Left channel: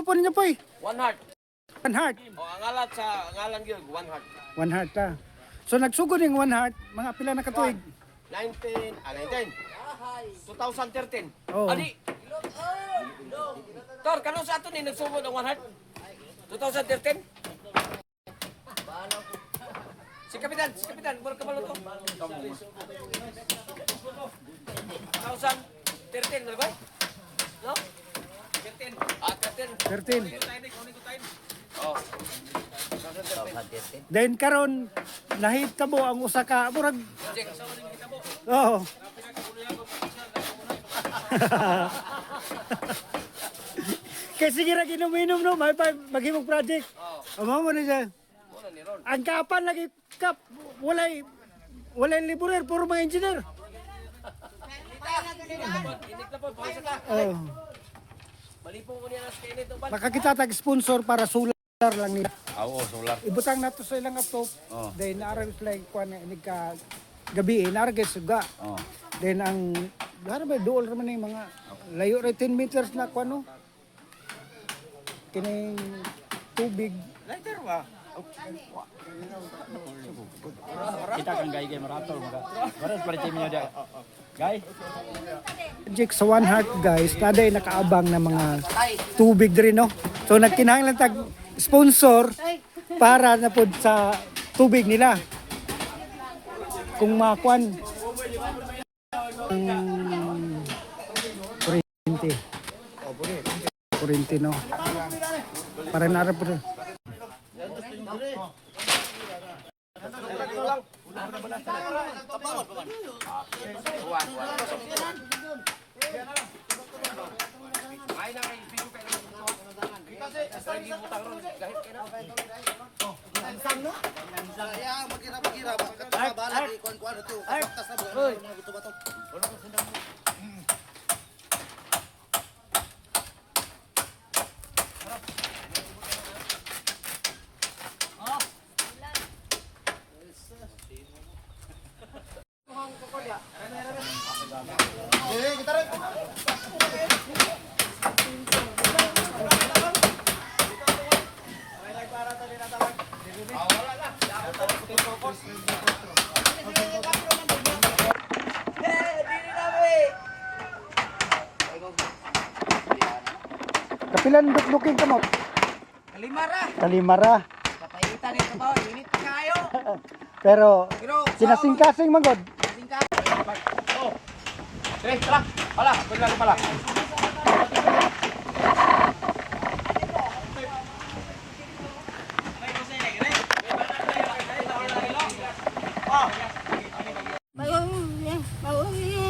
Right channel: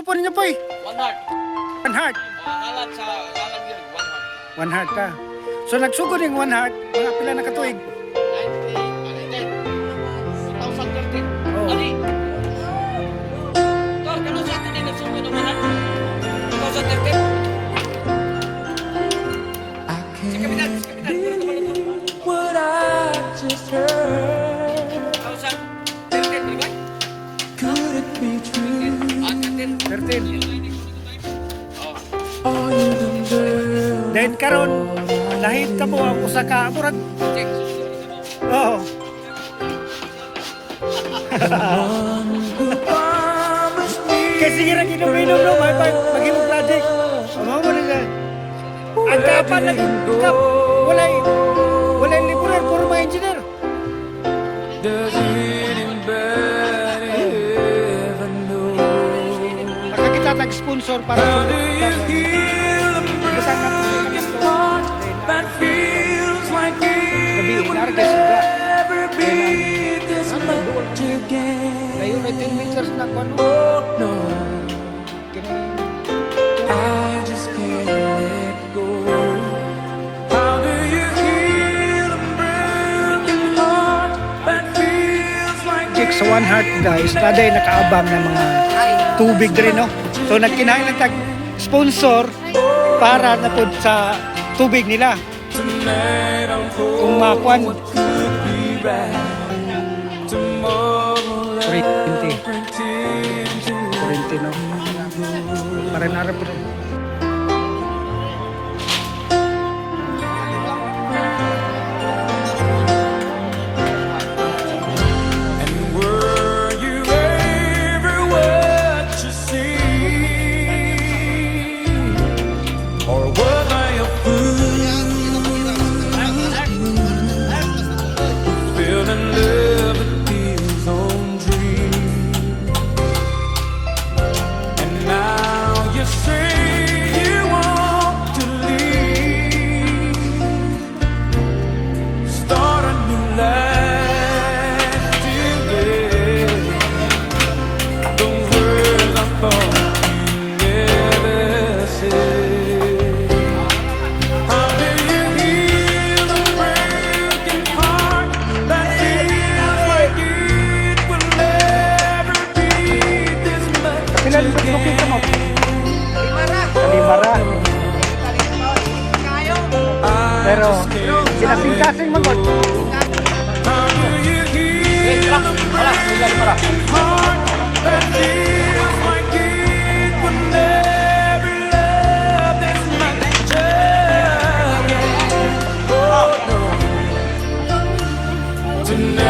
ano po ninyo, Poy? One heart. One heart. Akalan yun, one heart. One heart ka. So nagsugod yung one heart, mga pila na katuig. 2013. Oh. Ali! Tor, kano sa atin din nagsugod ng one heart? 2013. Si Kapitan, puro ka pala to. 2013, di ba? Ah, 13. 13. Oh. Then karon lahit ka mo ang usa ka murag. Check. Oo. Kasi sige ra ginom-inom no, may maghimog project. Amo mo na siya. Ang kapan lagi kap walay liburan puro mga engineer. Baka kita tag-sponsor para sulit. Ibutang na po sila ng gabi, inarga suga. Then ang doon kami layo na 10 meters na kuano. Kini Jake sa One Heart guys, naday nakaabang ng mga tubig rin no. So nagkinahanglan tag sponsor para na pod sa tubig nila. Kung makuan Kurente no. Para narap po. Kapilan looking ka mo? Kalimara. Pero kinasing-kasing magod. Tonight